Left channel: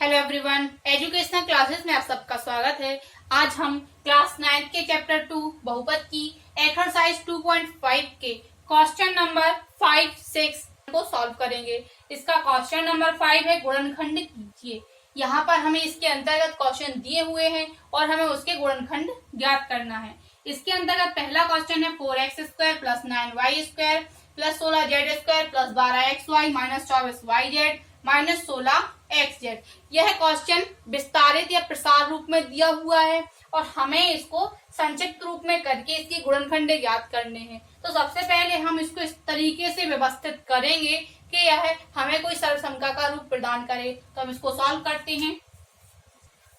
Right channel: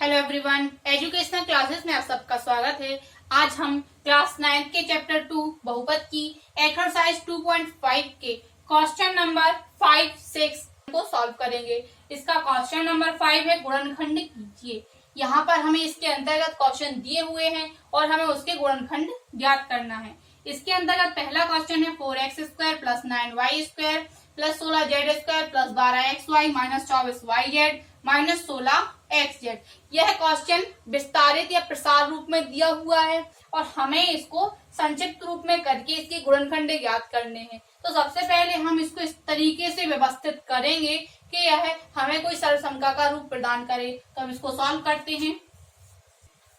Hello everyone, educational classes में आप सबका स्वागत है। आज हम क्लास 9 के चैप्टर 2 बहुपद की एक्सरसाइज 2.5 के क्वेश्चन नंबर 5, 6 को सॉल्व करेंगे। इसका क्वेश्चन नंबर 5 है गुणनखंड कीजिए। यहाँ पर हमें इसके अंतर्गत क्वेश्चन दिए हुए हैं और हमें उसके गुणनखंड ज्ञात करना है। इसके अंतर्गत पहला क्वेश्चन है 4x² plus 9y² plus 16z² plus 12xy minus 24yz minus 16xz। यह क्वेश्चन विस्तारित या प्रसार रूप में दिया हुआ है और हमें इसको संक्षिप्त रूप में करके इसकी गुणनखंड ज्ञात करने हैं। तो सबसे पहले हम इसको इस तरीके से व्यवस्थित करेंगे कि यह हमें कोई सरलसंख्या का रूप प्रदान करे। तो हम इसको सॉल्व करते हैं।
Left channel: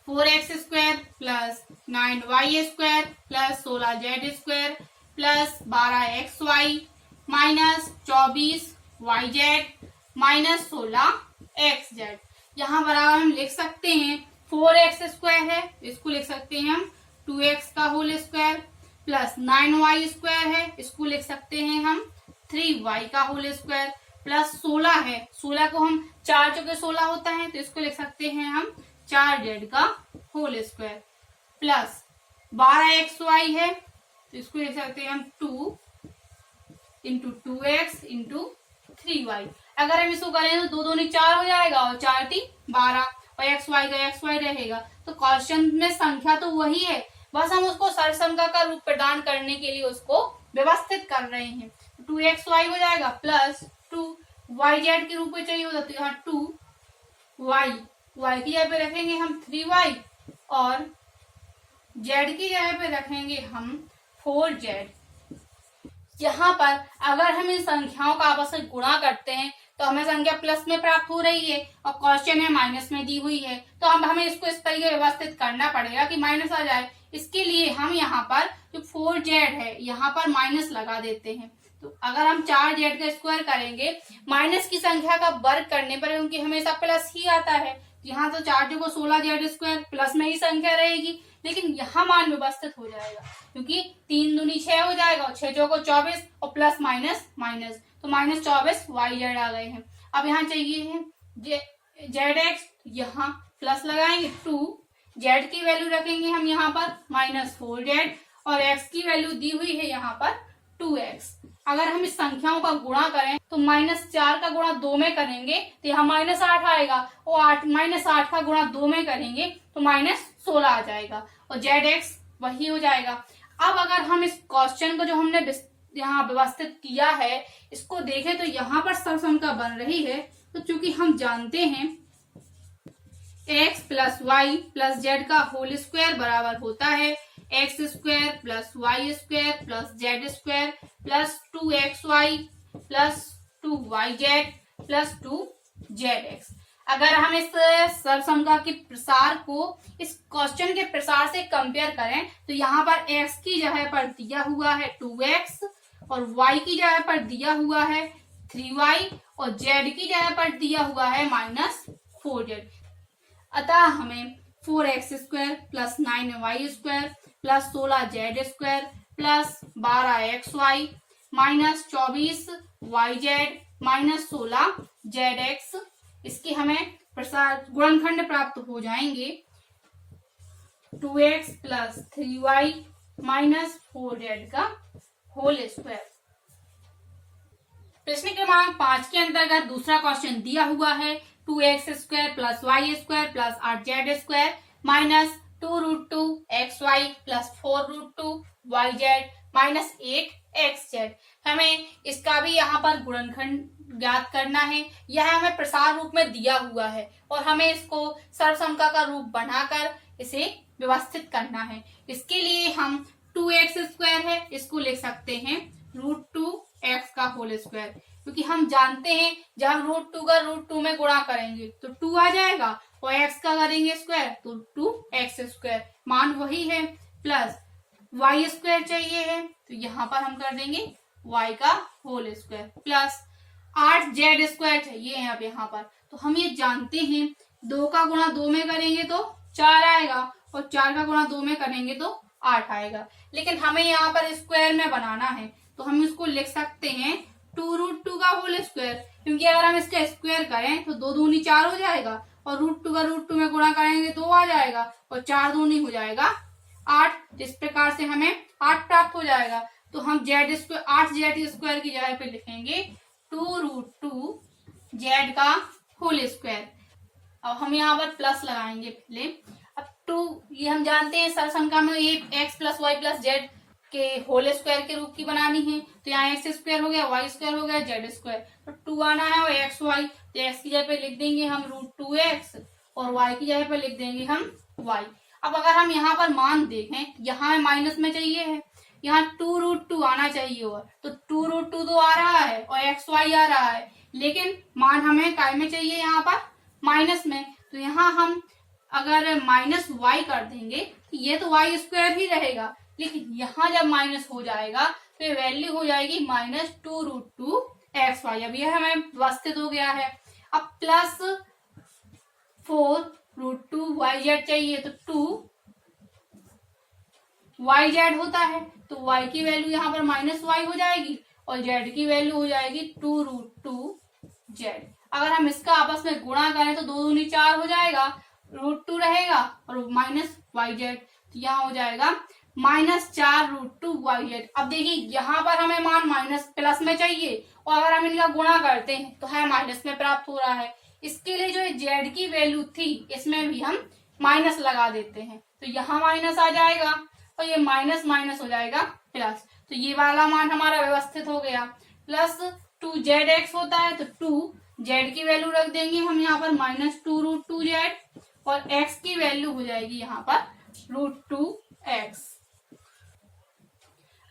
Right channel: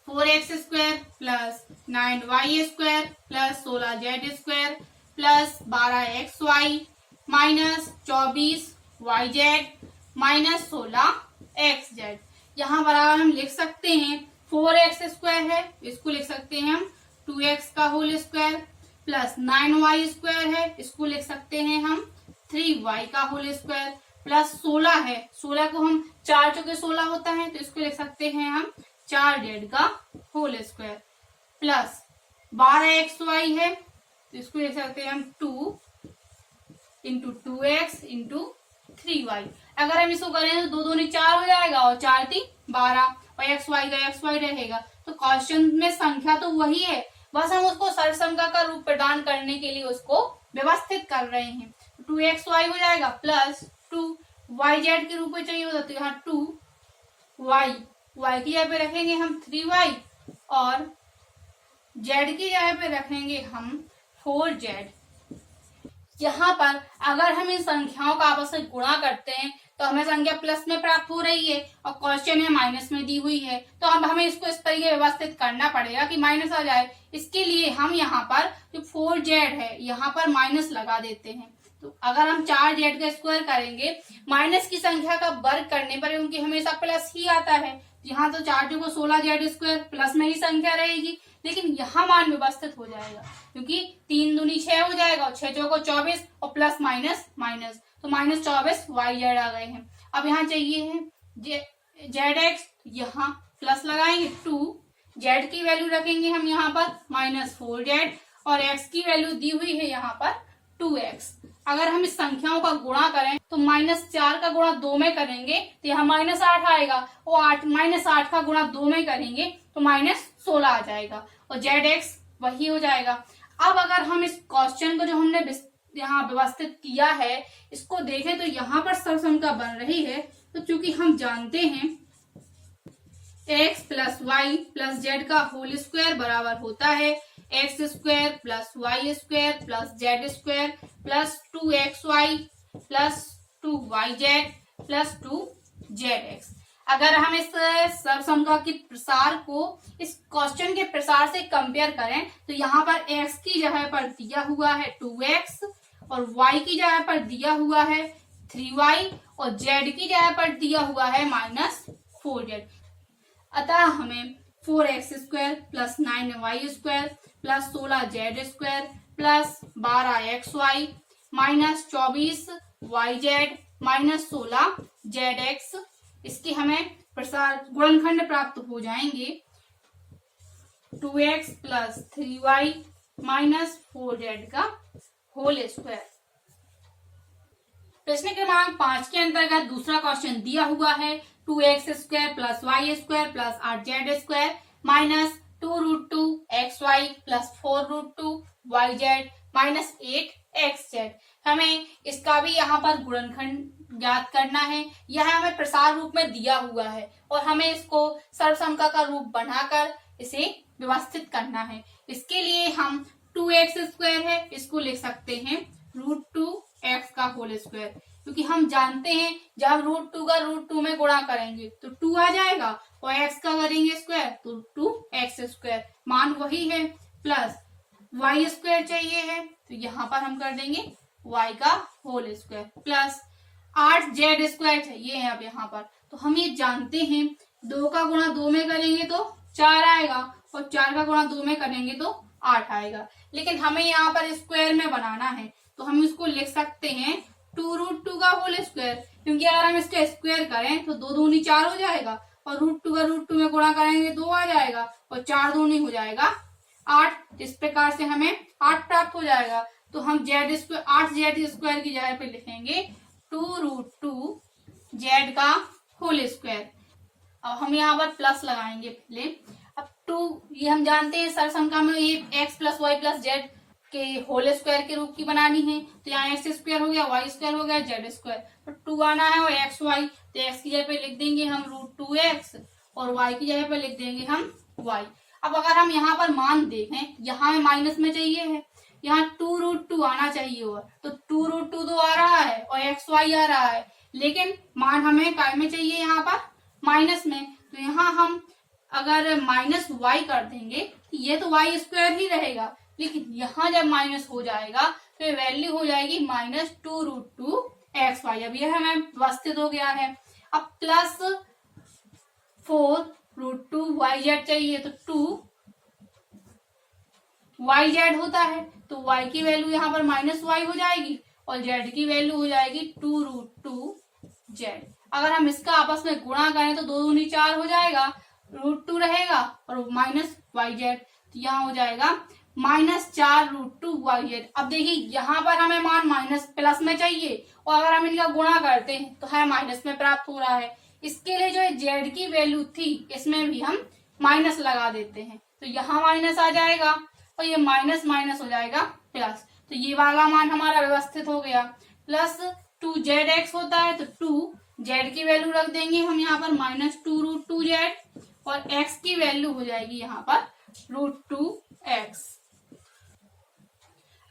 4x² plus 9y² plus 16z² plus 12xy minus 24yz minus 16xz। यहाँ बराबर हम लिख सकते हैं 4x² है, इसको लिख सकते हैं हम 2x का होल स्क्वायर प्लस 9y² है, इसको लिख सकते हैं हम 3y का होल स्क्वायर प्लस 16 है, 16 को हम 4 चौके 16 होता है तो इसको लिख सकते हैं हम 4z का होल स्क्वायर प्लस 12xy है तो इसको लिख सकते हैं हम 2 इंटू 2x इंटू 3y। अगर हम इसको करें तो 2 दूनी 4 हो जाएगा और 4 3 12 और xy का xy रहेगा। तो क्वेश्चन में संख्या तो वही है, बस हम उसको सरलसंख्या का रूप प्रदान करने के लिए उसको व्यवस्थित कर रहे हैं। 2xy हो जाएगा प्लस 2yz के रूप में चाहिए होता तो यहाँ 2y की जगह पे रखेंगे हम 3y और z की जगह पे रखेंगे हम 4z। यहाँ पर अगर हम इन संख्याओं का आपस में गुणा करते हैं तो हमें संख्या प्लस में प्राप्त हो रही है और क्वेश्चन है माइनस में दी हुई है। तो अब हमें इसको इस तरीके व्यवस्थित करना पड़ेगा कि माइनस आ जाए। इसके लिए हम यहाँ पर जो 4z है यहाँ पर माइनस लगा देते हैं। तो अगर हम 4z का स्क्वायर करेंगे माइनस की संख्या का वर्ग करने पर क्योंकि हमेशा प्लस ही आता है, यहाँ तो 4 को 16z² प्लस में ही संख्या रहेगी, लेकिन यहाँ मान व्यवस्थित हो जाएगा क्योंकि 3 दूनी 6 हो जाएगा और 6 चौको 24 और प्लस माइनस माइनस तो माइनस 24yz आ गए हैं। अब यहाँ चाहिए है zx, यहाँ प्लस लगाएंगे 2, z की वैल्यू रखेंगे हम यहाँ पर माइनस 4z और x की वैल्यू दी हुई है यहाँ पर 2x। अगर हम इस संख्याओं का गुणा करें तो -4 का गुणा 2 में करेंगे तो यहाँ -8 आएगा और -8 का गुणा 2 में करेंगे तो -16 आ जाएगा और zx वही हो जाएगा। अब अगर हम इस क्वेश्चन को जो हमने यहाँ व्यवस्थित किया है इसको देखें तो यहाँ पर सरलसंख्या बन रही है। तो चूंकि हम जानते हैं x plus y plus z का होल स्क्वायर बराबर होता है x² plus y² plus z² plus 2xy plus 2yz plus 2zx। अगर हम इस सरलसंख्या के प्रसार को इस क्वेश्चन के प्रसार से कंपेयर करें तो यहाँ पर x की जगह पर दिया हुआ है 2x और y की जगह पर दिया हुआ है 3y और z की जगह पर दिया हुआ है -4z। अतः हमें 4x² plus 9y² plus 16z² plus 12xy minus 24yz minus 16zx इसकी हमें प्रसार गुणनखंड प्राप्त हो जाएंगे 2x plus 3y minus 4z का होल स्क्वायर। प्रश्न क्रमांक 5 के अंतर्गत दूसरा क्वेश्चन दिया हुआ है 2x² plus y² plus 8z² minus 2√2xy plus 4√2yz minus 8xz। हमें इसका भी यहाँ पर गुणनखंड ज्ञात करना है। यह हमें प्रसार रूप में दिया हुआ है और हमें इसको सरलसंख्या का रूप बनाकर इसे व्यवस्थित करना है। इसके लिए हम 2x² है इसको लिख सकते हैं √2x का होल स्क्वायर, क्योंकि हम जानते हैं जब हम √2 का √2 में गुणा करेंगे तो 2 आ जाएगा और x का करेंगे स्क्वायर तो 2x², मान वही है प्लस y² चाहिए है तो यहाँ पर हम कर देंगे y का होल स्क्वायर प्लस 8z² चाहिए है अब यहाँ पर। तो हम ये जानते हैं 2 का गुणा 2 में करेंगे तो 4 आएगा और 4 का गुणा 2 में करेंगे तो 8 आएगा, लेकिन हमें यहाँ पर स्क्वायर में बनाना है तो हम इसको लिख सकते हैं 2√2 का होल स्क्वायर, क्योंकि अगर हम इसका स्क्वायर करें तो 2 दूनी 4 हो जाएगा और √2 का √2 में गुणा करेंगे तो आ जाएगा, और 4 दूनी हो जाएगा 8। इस प्रकार से हमें 8 प्राप्त हो जाएगा। तो हम जेड स्क्वायर 8z² की जगह पे लिखेंगे 2√2 जेड का होल स्क्वायर। अब हम यहाँ पर प्लस लगाएंगे पहले। अब 2 ये हम जानते हैं सरसंख्या में ये x + y + z के होल स्क्वायर के रूप की बनानी है, तो यहाँ x² हो गया, y² हो गया, z²। तो 2 आना है और x y, तो x की जगह पे लिख देंगे हम √2x और y की जगह पे लिख देंगे हम y। अब अगर हम यहाँ पर मान देखें, यहाँ में माइनस में चाहिए है, यहाँ 2√2 आना चाहिए होगा, तो 2√2 तो आ रहा है और x y आ रहा है, लेकिन मान हमें काय में चाहिए यहाँ पर माइनस में। तो यहाँ हम अगर -y कर देंगे, ये तो y² ही रहेगा, लेकिन यहाँ जब माइनस हो जाएगा तो ये वैल्यू हो जाएगी -2√2xy। अब ये हमें व्यवस्थित हो गया है। अब +4√2yz चाहिए, तो 2yz होता है, तो y की वैल्यू यहाँ पर -y हो जाएगी और z की वैल्यू हो जाएगी 2√2z। अगर हम इसका आपस में गुणा करें तो 2 दूनी 4 हो जाएगा, √2 रहेगा और -yz, तो यहाँ हो जाएगा -4√2yz। अब देखिए यहाँ पर हमें मान माइनस प्लस में चाहिए और अगर हम इनका गुणा करते हैं तो हमें माइनस में प्राप्त हो रहा है। इसके लिए जो z की वैल्यू थी इसमें भी हम माइनस लगा देते हैं, तो यहाँ माइनस आ जाएगा और ये माइनस माइनस हो जाएगा प्लस, तो ये वाला मान हमारा व्यवस्थित हो गया। +2zx होता है, तो 2z की वैल्यू रख देंगे हम यहाँ पर -2√2z और x की वैल्यू हो जाएगी यहाँ पर √2x।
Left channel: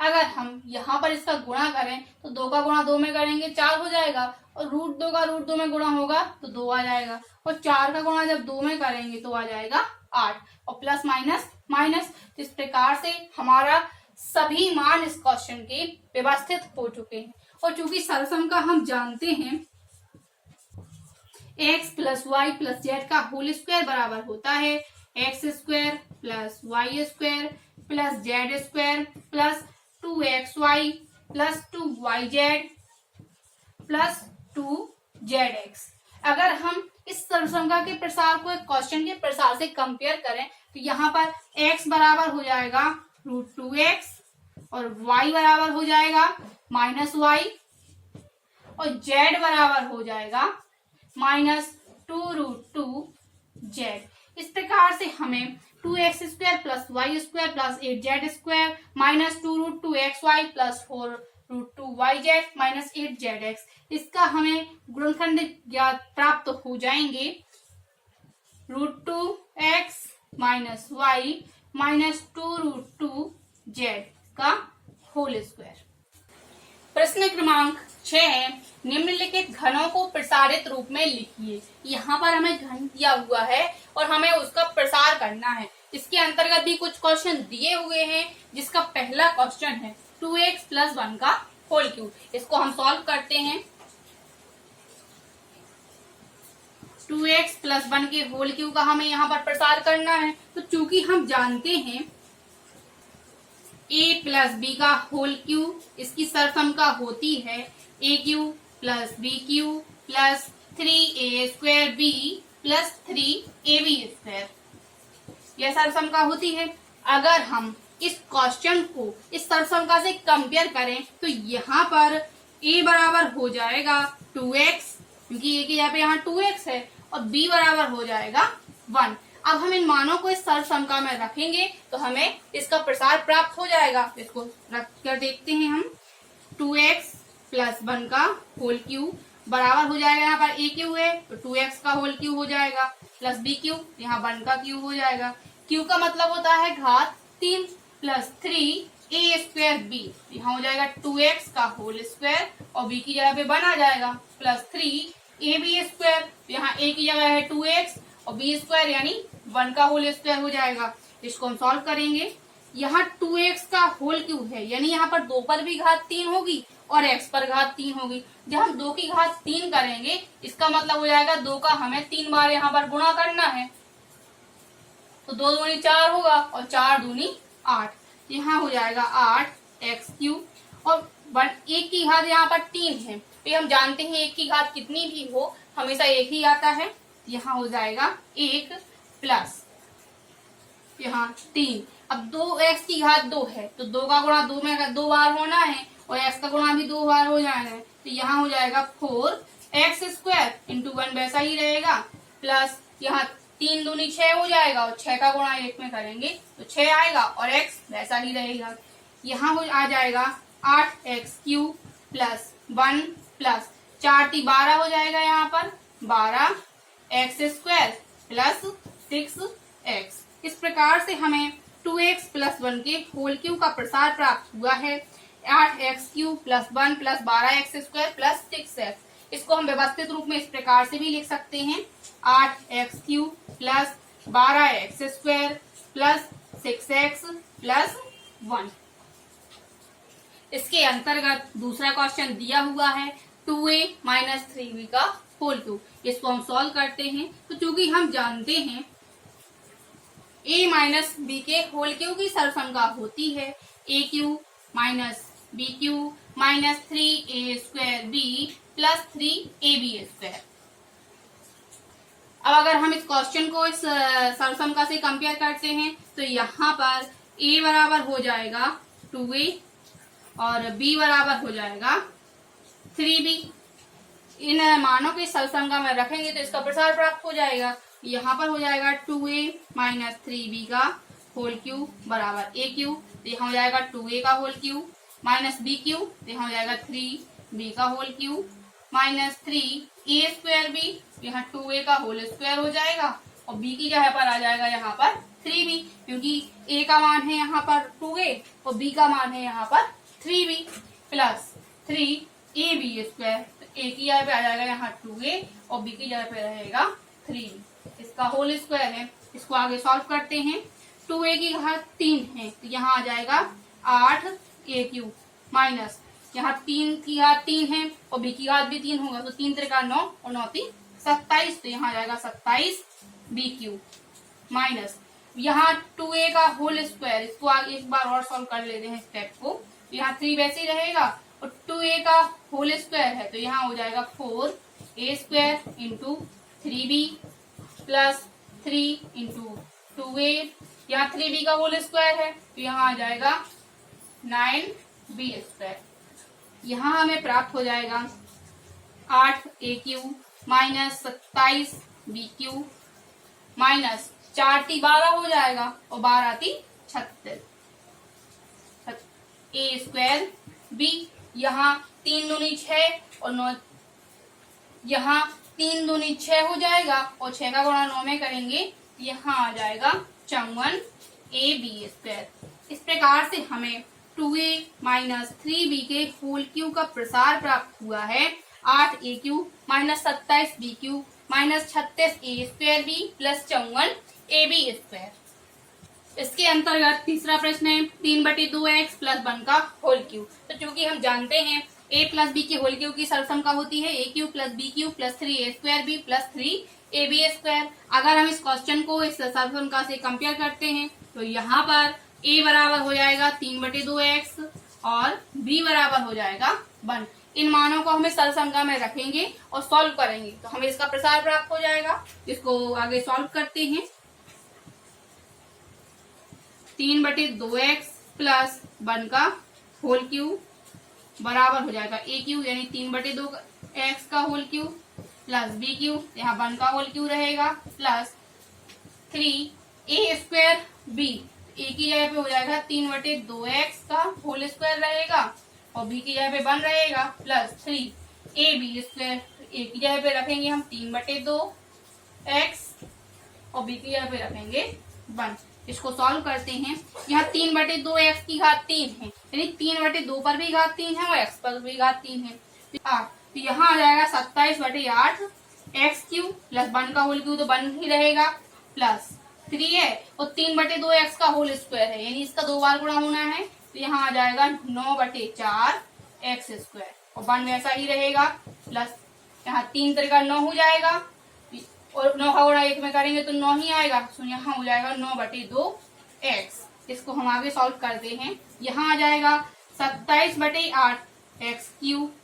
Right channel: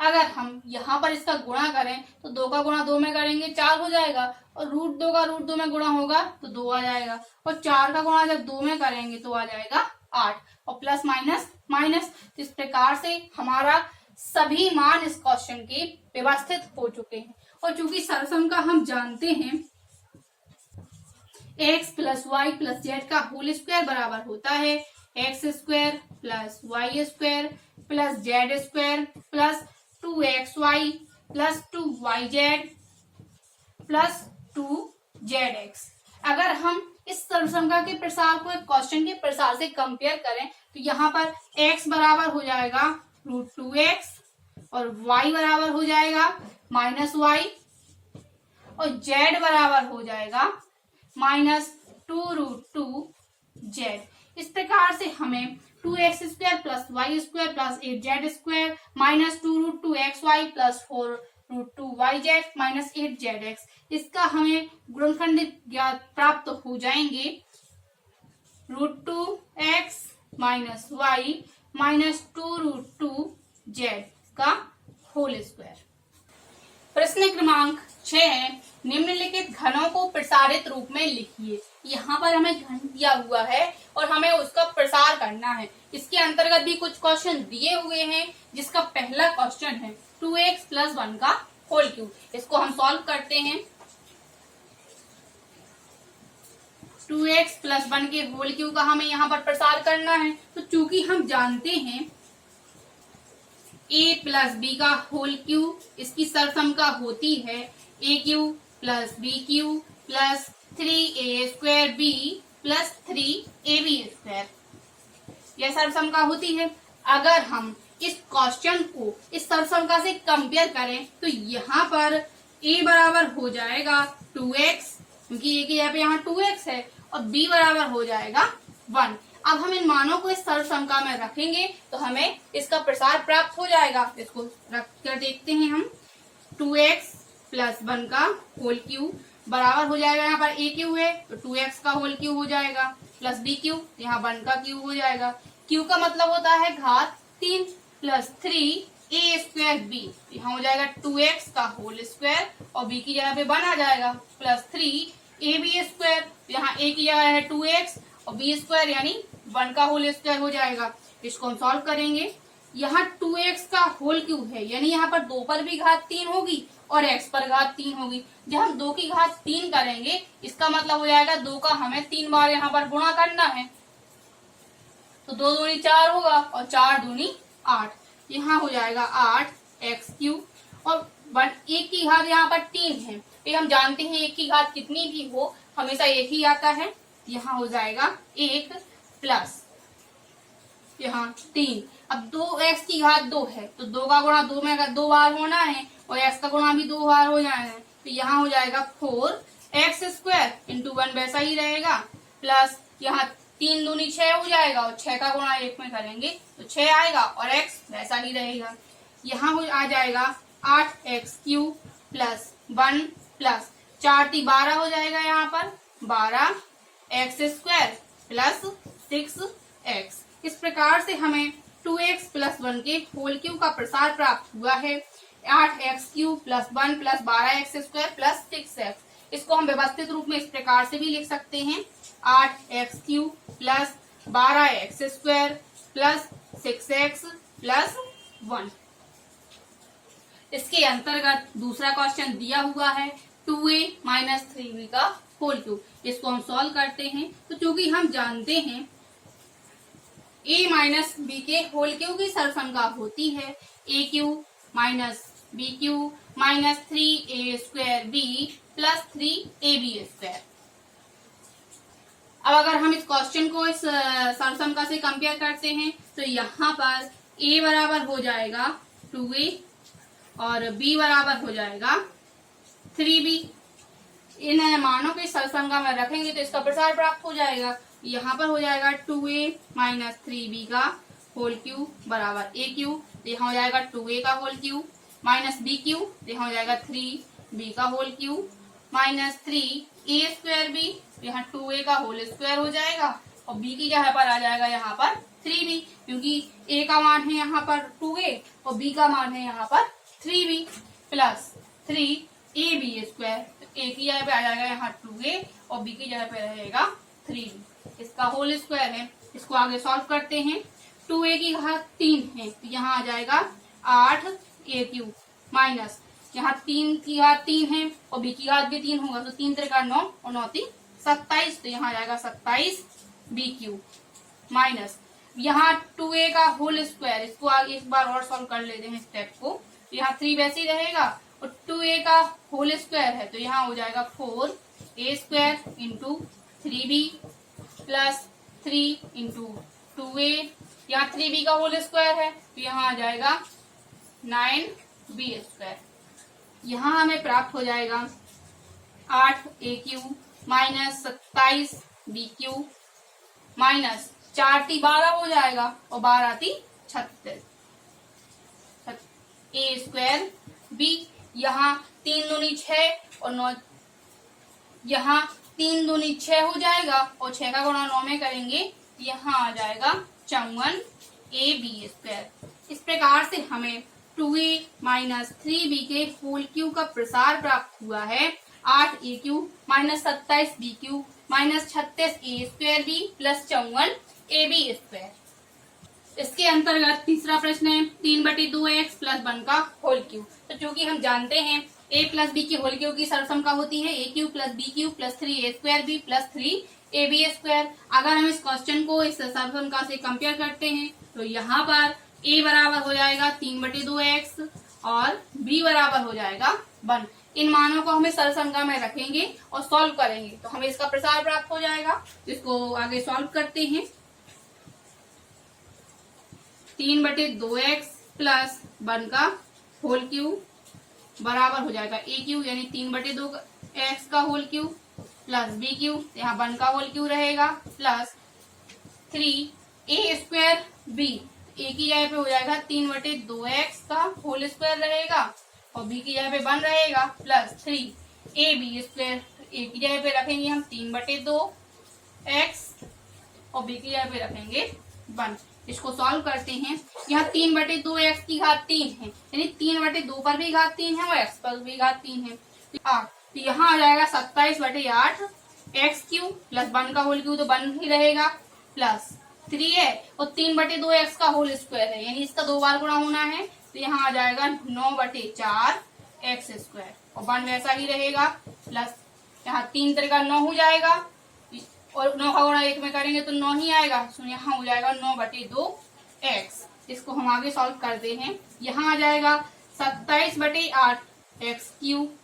अगर हम यहाँ पर इसका गुणा करें तो 2 का गुणा 2 में करेंगे 4 हो जाएगा, और √2 का √2 में गुणा होगा तो 2 आ जाएगा, और 4 का गुणा जब 2 में करेंगे तो आ जाएगा 8, और प्लस माइनस माइनस। तो इस प्रकार से हमारा सभी मान इस क्वेश्चन के व्यवस्थित हो चुके हैं। और चूंकि सरसंख्या हम जानते हैं x + y + z का होल स्क्वायर बराबर होता है x² + y² + z² + 2xy + 2yz + 2zx। अगर हम इस सरसंख्या के प्रसार को एक क्वेश्चन के प्रसार से कंपेयर करें तो यहाँ पर x बराबर हो जाएगा √2x और y बराबर हो जाएगा -y और z बराबर हो जाएगा -2√2z। इस प्रकार से हमें 2x² + y² + 8z² -2√2xy + 4√2yz - 8zx, इसका हमें गुणनखंड ज्ञात प्राप्त हो जाएंगे √2x - y -2√2z का होल स्क्वायर। प्रश्न क्रमांक 6 है, निम्नलिखित घनों को प्रसारित रूप में लिखिए। यहाँ पर हमें घन दिया हुआ है और हमें उसका प्रसार करना है। इसके अंतर्गत भी कुछ क्वेश्चन दिए हुए हैं, जिसका पहला क्वेश्चन है 2x + 1 का होल क्यूब। इसको हम सॉल्व करते हैं। 2x + 1 के होल क्यूब का हमें यहाँ पर प्रसार करना है, तो चूंकि हम जानते हैं a + b का होल क्यूब, इसकी सरसंख्या होती है a³ + b³ + 3a² + 3ab²। यह सरसंख्या होती है। अगर हम इस क्वेश्चन को इस सरसंख्या से कंपेयर करें तो यहाँ पर a बराबर हो जाएगा 2x, क्योंकि a के यहाँ पे यहाँ 2x है, और b बराबर हो जाएगा 1। अब हम इन मानों को इस सरसंख्या में रखेंगे तो हमें इसका प्रसार प्राप्त हो जाएगा। इसको रख कर देखते हैं हम। 2x + 1 का होल क्यूब बराबर हो जाएगा, यहाँ पर a³ है तो 2x का होल क्यूब हो जाएगा + b³, यहाँ 1 का क्यूब हो जाएगा। क्यूब का मतलब होता है घात 3 + 3a²b, यहाँ हो जाएगा 2x का होल स्क्वायर और b की जगह पे 1 आ जाएगा + 3ab², यहाँ a की जगह है 2x और b² यानी 1 का होल स्क्वायर हो जाएगा। इसको हम सॉल्व करेंगे। यहाँ 2x का होल क्यूब है, यानी यहाँ पर 2 पर भी घात 3 होगी और x पर घात 3 होगी। जब हम 2 की घात 3 करेंगे, इसका मतलब हो जाएगा 2 का हमें 3 बार यहाँ पर गुणा करना है, तो 2 दूनी 4 होगा और 4 दूनी 8, यहाँ हो जाएगा 8x³ और 1 की घात यहाँ पर 3 है। तो हम जानते हैं 1 की घात कितनी भी हो हमेशा एक ही आता है यहाँ हो जाएगा 1 प्लस यहाँ 3। अब 2x की घात 2 है तो 2 का गुणा 2 में 2 बार होना है और x का गुणा भी 2 बार हो जाना है, तो यहाँ हो जाएगा 4x स्क्वायर इंटू 1 वैसा ही रहेगा, प्लस यहाँ 3 दूनी 6 हो जाएगा और 6 का गुणा 1 में करेंगे तो 6 आएगा और x वैसा ही रहेगा। यहाँ आ जाएगा 8x क्यूब प्लस 1 प्लस 4 × 12 हो जाएगा, यहाँ पर 12x स्क्वायर प्लस 6x। इस प्रकार से हमें 2x प्लस 1 के होल क्यूब का प्रसार प्राप्त हुआ है। 8x cube plus 1 plus 12x square plus 6x। इसको हम व्यवस्थित रूप में इस प्रकार से भी लिख सकते हैं 8x cube plus 12x square plus 6x plus 1। इसके अंतर्गत दूसरा क्वेश्चन दिया हुआ है 2a माइनस 3b का होल क्यूब। इसको हम सॉल्व करते हैं। तो चूंकि हम जानते हैं a माइनस बी के होल क्यूब की सरसंख्या होती है a cube minus b cube minus 3a square b plus 3ab square. अब अगर हम इस क्वेश्चन को इस सरसंख्या से कंपेयर करते हैं तो यहाँ पर a बराबर हो जाएगा 2a और b बराबर हो जाएगा 3b। इन मानों की सरसंख्या में रखेंगे तो इसका प्रसार प्राप्त हो जाएगा। यहाँ पर हो जाएगा 2a माइनस 3b का होल क्यूब बराबर a क्यूब, यहाँ हो जाएगा 2a का whole cube minus b cube, यहाँ हो जाएगा 3b का whole cube minus 3a square b, यहाँ 2a का होल स्क्वायर हो जाएगा और b की जगह पर आ जाएगा यहाँ पर 3b, क्योंकि a का मान है यहाँ पर 2a और b का मान है यहाँ पर 3b प्लस 3ab स्क्वायर। तो a की जगह पे आ जाएगा यहाँ 2a और b की जगह पे रहेगा 3b। इसका होल स्क्वायर है। इसको आगे सॉल्व करते हैं। 2a की घात 3 है तो यहाँ आ जाएगा 8a क्यूब माइनस यहाँ 3 की घात 3 है और b की घात भी 3 होगा तो 3 × 9 और 9 × 27, तो यहाँ आ जाएगा 27b क्यूब माइनस यहाँ 2a का होल स्क्वायर। इसको आगे एक बार और सॉल्व कर लेते हैं स्टेप को। यहाँ 3 वैसे ही रहेगा और 2a का होल स्क्वायर है तो यहाँ हो जाएगा 4a square into 3b plus 3 into 2a, यहाँ 3b का होल स्क्वायर है तो यहाँ आ जाएगा 9b स्क्वायर। यहाँ हमें प्राप्त हो जाएगा 8a cube minus 27b cube minus 4 × 12 हो जाएगा और 12 × 36 a स्क्वायर b, यहाँ 3 दूनी 6 और 9, यहाँ 3 दूनी 6 हो जाएगा और 6 का गुणा 9 में करेंगे यहाँ आ जाएगा 54ab स्क्वायर। इस प्रकार से हमें 2a माइनस 3b के होल क्यूब का प्रसार प्राप्त हुआ है 8a cube minus 27b cube minus 36a square b plus 54ab square. इसके अंतर्गत तीसरा प्रश्न है 3/2x प्लस 1 का होल क्यूब। तो चूंकि हम जानते हैं a प्लस b की होल क्यूब की सरसंख्या होती है a cube plus b cube plus 3a square b plus 3ab square. अगर हम इस क्वेश्चन को इस सरसंख्या से कंपेयर करते हैं तो यहाँ पर a बराबर हो जाएगा 3/2x और b बराबर हो जाएगा 1। इन मानों को हमें सरसंख्या में रखेंगे और सॉल्व करेंगे तो हमें इसका प्रसार प्राप्त हो जाएगा। इसको आगे सॉल्व करते हैं। 3/2x प्लस 1 का होल क्यूब बराबर हो जाएगा a क्यूब, यानी 3/2x का whole cube plus b cube, यहाँ 1 का होल क्यूब रहेगा plus 3a square b, a की जगह पे हो जाएगा 3/2x का होल स्क्वायर रहेगा और b की जगह पे 1 रहेगा प्लस 3ab स्क्वायर। a की जगह पे रखेंगे हम 3/2x और b की जगह पे रखेंगे 1। इसको सॉल्व करते हैं। यहाँ 3/2x की घात 3 है, यानी 3/2 पर भी घात 3 है और x पर भी घात 3 है 8, तो यहाँ आ जाएगा 27/8 x क्यूब प्लस 1 का होल क्यूब तो 1 ही रहेगा प्लस 3 है और 3/2x का होल स्क्वायर है, यानी इसका 2 बार गुणा होना है तो यहाँ आ जाएगा 9/4 x स्क्वायर और 1 वैसा ही रहेगा प्लस यहाँ 3 × 9 हो जाएगा और 9 का गुणा 1 में करेंगे तो 9 ही आएगा, तो यहाँ हो जाएगा 9/2x। इसको हम आगे सॉल्व करते हैं। यहाँ आ जाएगा 27/8 x क्यूब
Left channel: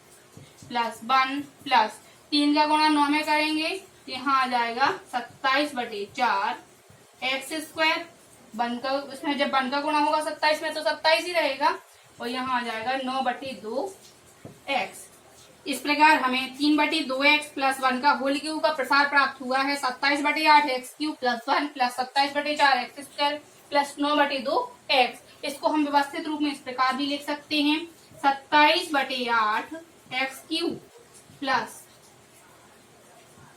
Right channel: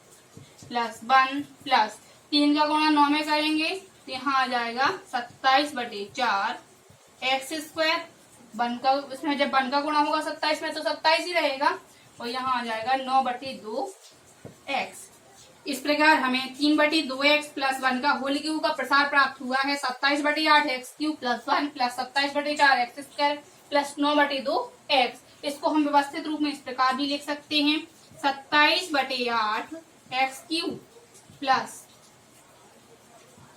प्लस 1 प्लस 3 का गुणा 9 में करेंगे तो यहाँ आ जाएगा 27/4 एक्स स्क्वायर। वन का इसमें जब वन का गुणा होगा 27 में तो 27 ही रहेगा, और यहाँ आ जाएगा 9/2 एक्स। इस प्रकार हमें 3/2x प्लस 1 का होल क्यूब का प्रसार प्राप्त हुआ है 27/8 x cube plus 1 plus 27/4 x square plus 9/2 x. इसको हम व्यवस्थित रूप में इस प्रकार भी लिख सकते हैं 27/8 x cube plus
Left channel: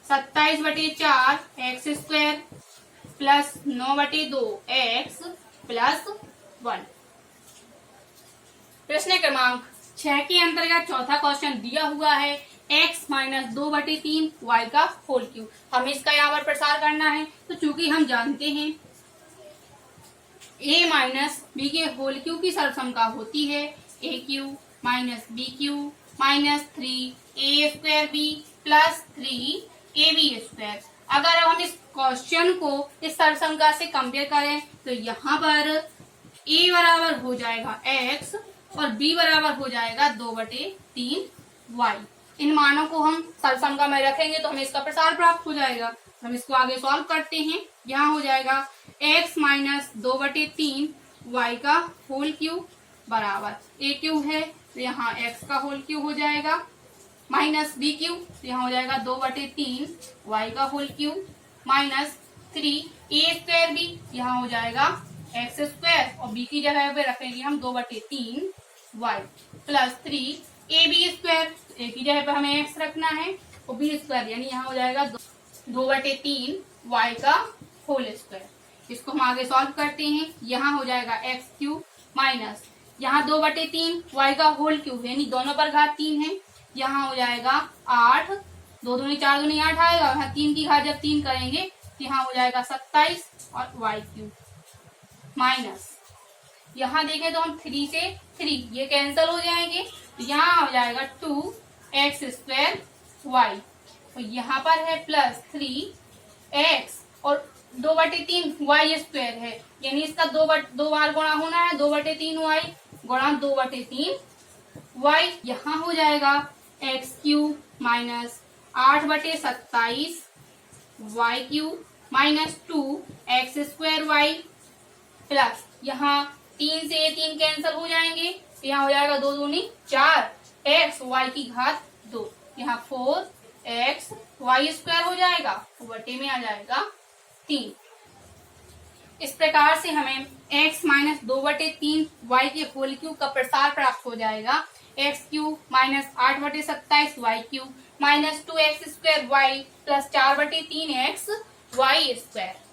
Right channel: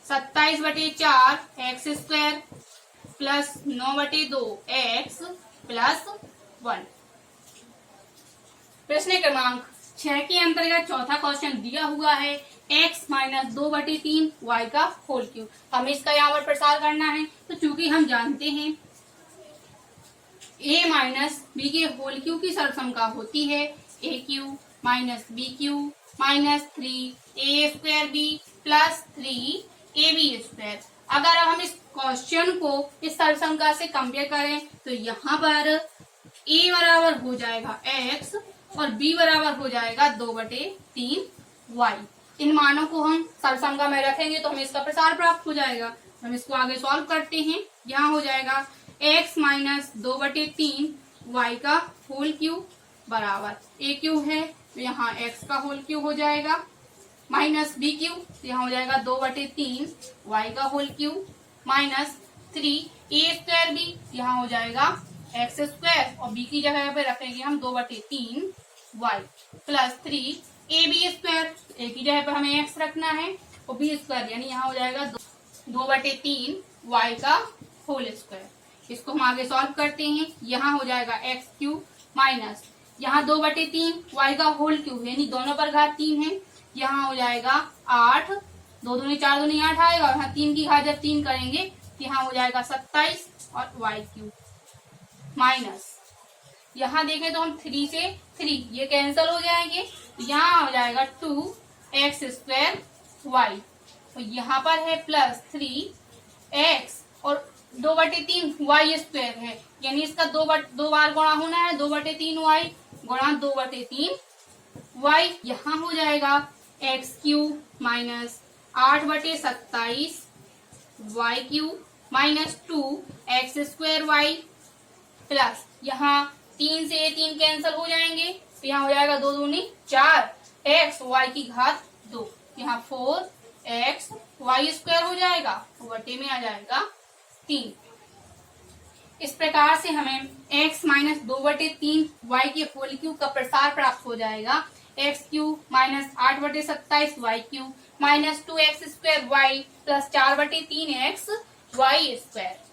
27/4 x square plus 9/2 x plus 1। प्रश्न क्रमांक 6 के अंतर्गत चौथा क्वेश्चन दिया हुआ है x माइनस 2/3 y का होल क्यूब। हमें इसका यहाँ पर प्रसार करना है, तो चूंकि हम जानते हैं a माइनस b के होल क्यूब की सर्वसंख्या होती है a cube minus b cube minus 3a square b plus 3ab square. अगर हम इस क्वेश्चन को इस सर्वसंख्या से कंपेयर करें तो यहाँ पर a बराबर हो जाएगा x और b बराबर हो जाएगा 2/3 y। इन मानों को हम सर्वसंख्या में रखेंगे तो हमें इसका प्रसार प्राप्त हो जाएगा। हम इसको आगे सॉल्व करते हैं। यहाँ हो जाएगा x माइनस 2/3 y का होल क्यूब बराबर a क्यूब है तो यहाँ x का होल क्यूब हो जाएगा माइनस b क्यूब, तो यहाँ हो जाएगा 2/3 y का whole cube minus 3a square b, यहाँ हो जाएगा एक्स स्क्वायर और b की जगह पे रखेंगे हम 2/3 y plus 3ab square. a की जगह पे हमें x रखना है और b स्क्वायर यानी यहाँ हो जाएगा 2/3 y का होल स्क्वायर। इसको हम आगे सॉल्व करते हैं। यहाँ हो जाएगा x क्यूब माइनस यहाँ 2/3 y का होल क्यूब यानी दोनों पर घात 3 है, यहाँ हो जाएगा 8, 2 दूनी 4 दूनी 8 आएगा। यहाँ 3 की घात जब 3 करेंगे तो यहाँ हो जाएगा 27 और y क्यूब माइनस यहाँ देखें तो हम 3 से 3 ये कैंसिल हो जाएंगे, तो यहाँ हो जाएगा 2x स्क्वायर y और यहाँ पर है प्लस 3x और 2/3 y स्क्वायर है यानी इसका दो बार गुणा होना है 2/3 y गुणा 2/3 y। यहाँ हो जाएगा x cube minus 8/27 y cube minus 2x square y plus यहाँ 3 से 3 कैंसिल हो जाएंगे तो यहाँ हो जाएगा 2 दूनी 4 x y की घात 2, यहाँ 4x y स्क्वायर हो जाएगा बटे में आ जाएगा 3। इस प्रकार से हमें x माइनस 2/3 y के होल क्यूब का प्रसार प्राप्त हो जाएगा x cube minus 8/27 y cube minus 2x square y plus 4/3 x y square.